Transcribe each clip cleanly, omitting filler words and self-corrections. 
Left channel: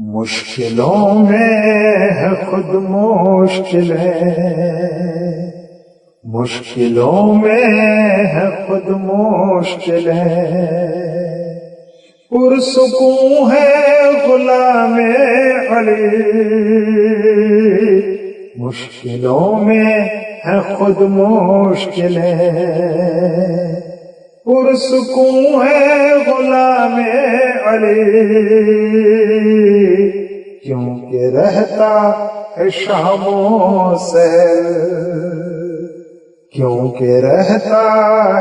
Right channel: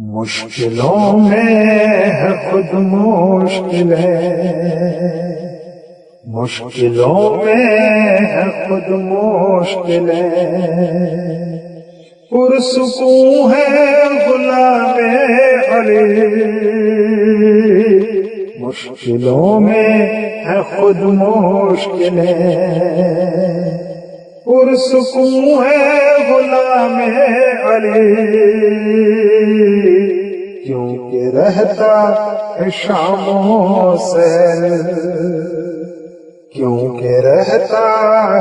مشکلوں میں ہے خود مشکل ہے، مشکلوں میں ہے خود مشکل ہے، پرسکون ہے غلام علی، مشکلوں میں ہے خود مشکل ہے، پرسکون ہے غلام علی، کیونکہ رہتا ہے شام و سحر، کیونکہ رہتا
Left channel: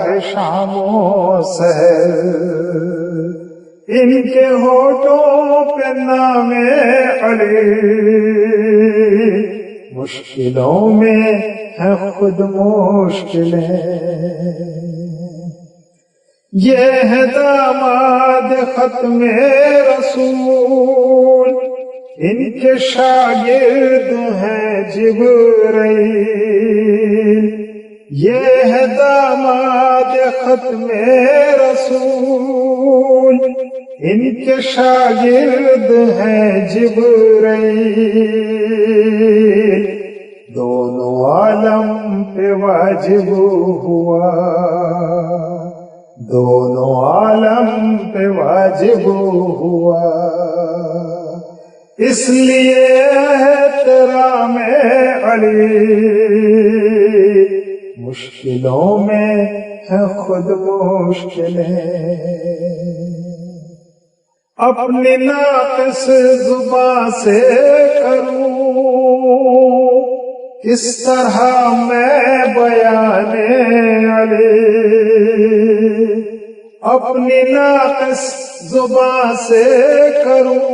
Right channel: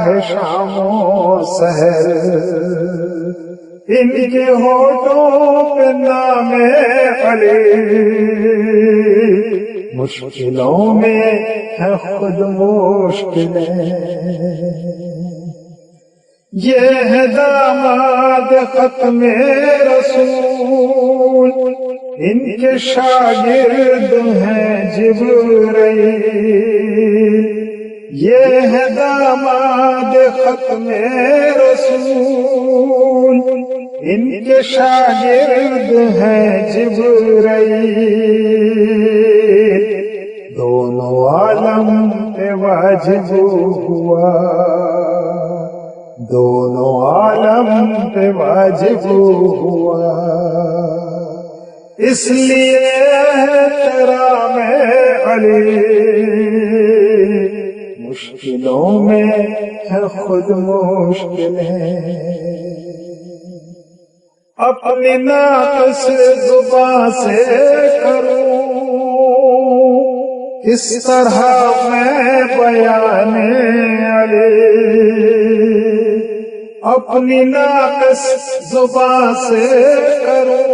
ہے شام و سحر، ان کے ہونٹوں پہ نام علی، مشکلوں میں ہے خود مشکلیں، یہ ہے داماد ختم رسول، ان کے شاگرد ہیں جبرائیل، یہ ہے داماد ختم رسول، ان کے شاگرد ہیں جبرائیل، دونوں عالم پہ واجب ہوا، دونوں عالم پہ واجب ہوا، اس لیے احترام علی، مشکلوں میں ہے خود مشکلیں، اپنی ناقص زبان سے کروں اس طرح میں بیان علی، اپنی ناقص زبان سے کروں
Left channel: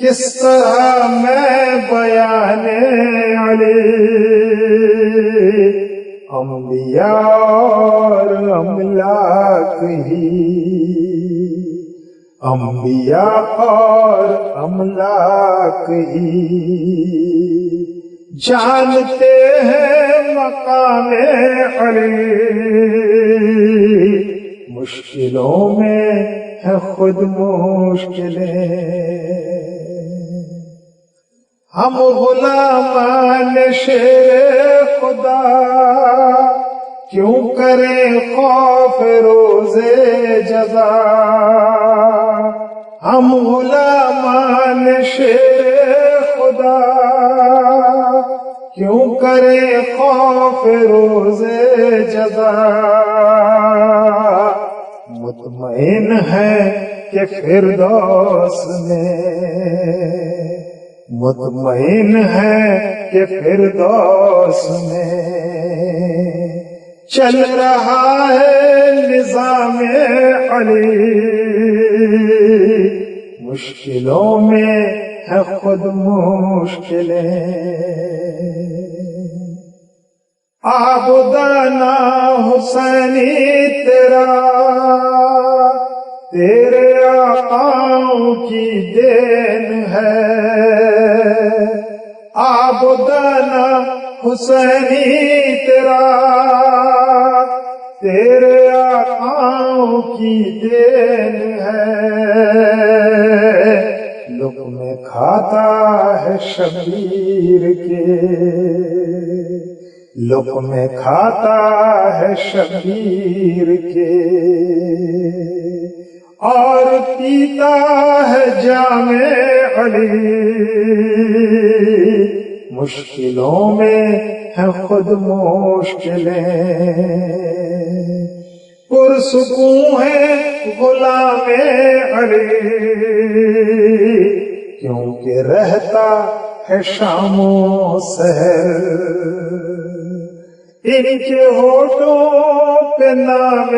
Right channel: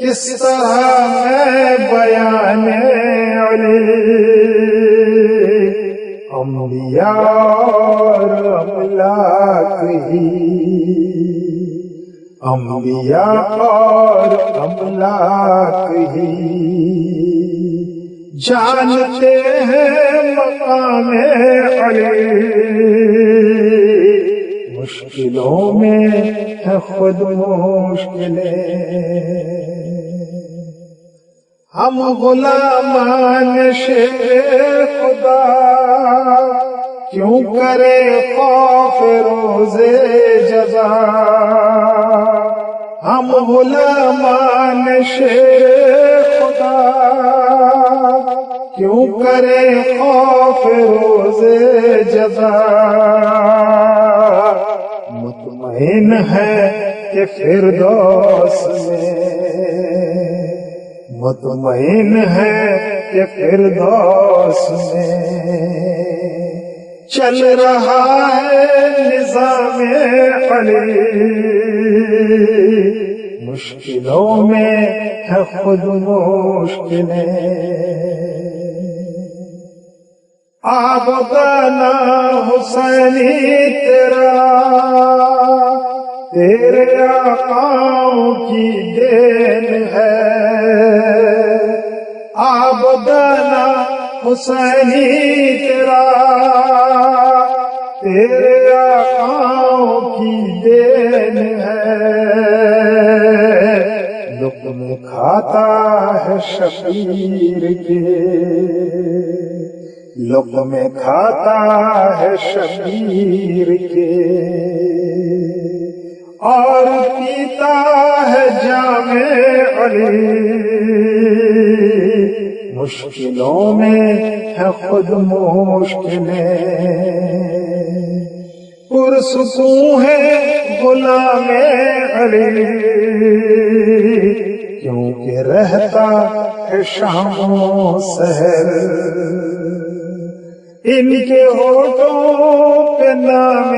کس طرح میں بیان علی، انبیاء اور املاک ہی، انبیاء اور املاک ہی جانتے ہیں مقام علی، مشکلوں میں ہے خود مشکلیں، ہم غلامان شیر خدا کیوں کریں خوف روز جزا، ہم غلامان شیر خدا کیوں کریں خوف روز جزا، مطمئن ہے کہ فردوس میں، مطمئن ہے کہ فردوس میں چل رہا ہے نظام علی، مشکلوں میں ہے خود مشکلیں، آبدانہ حسینی تیرا، تیرے آقاؤں کی دین ہے، آبدانہ حسینی تیرا، تیرے آقاؤں کی دین ہے، لقمے کھاتا ہے شبیر کے، لقمے کھاتا ہے شبیر کے، اور پیتا ہے جام علی، مشکلوں میں ہے خود مشکلیں، پرسکون ہے غلام علی، کیونکہ رہتا ہے شام و سحر، ان کے ہونٹوں پہ نام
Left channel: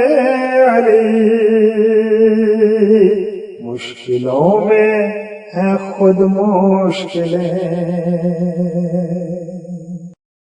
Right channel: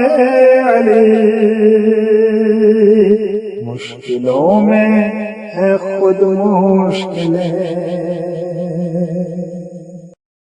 علی، مشکلوں میں ہے خود مشکلیں۔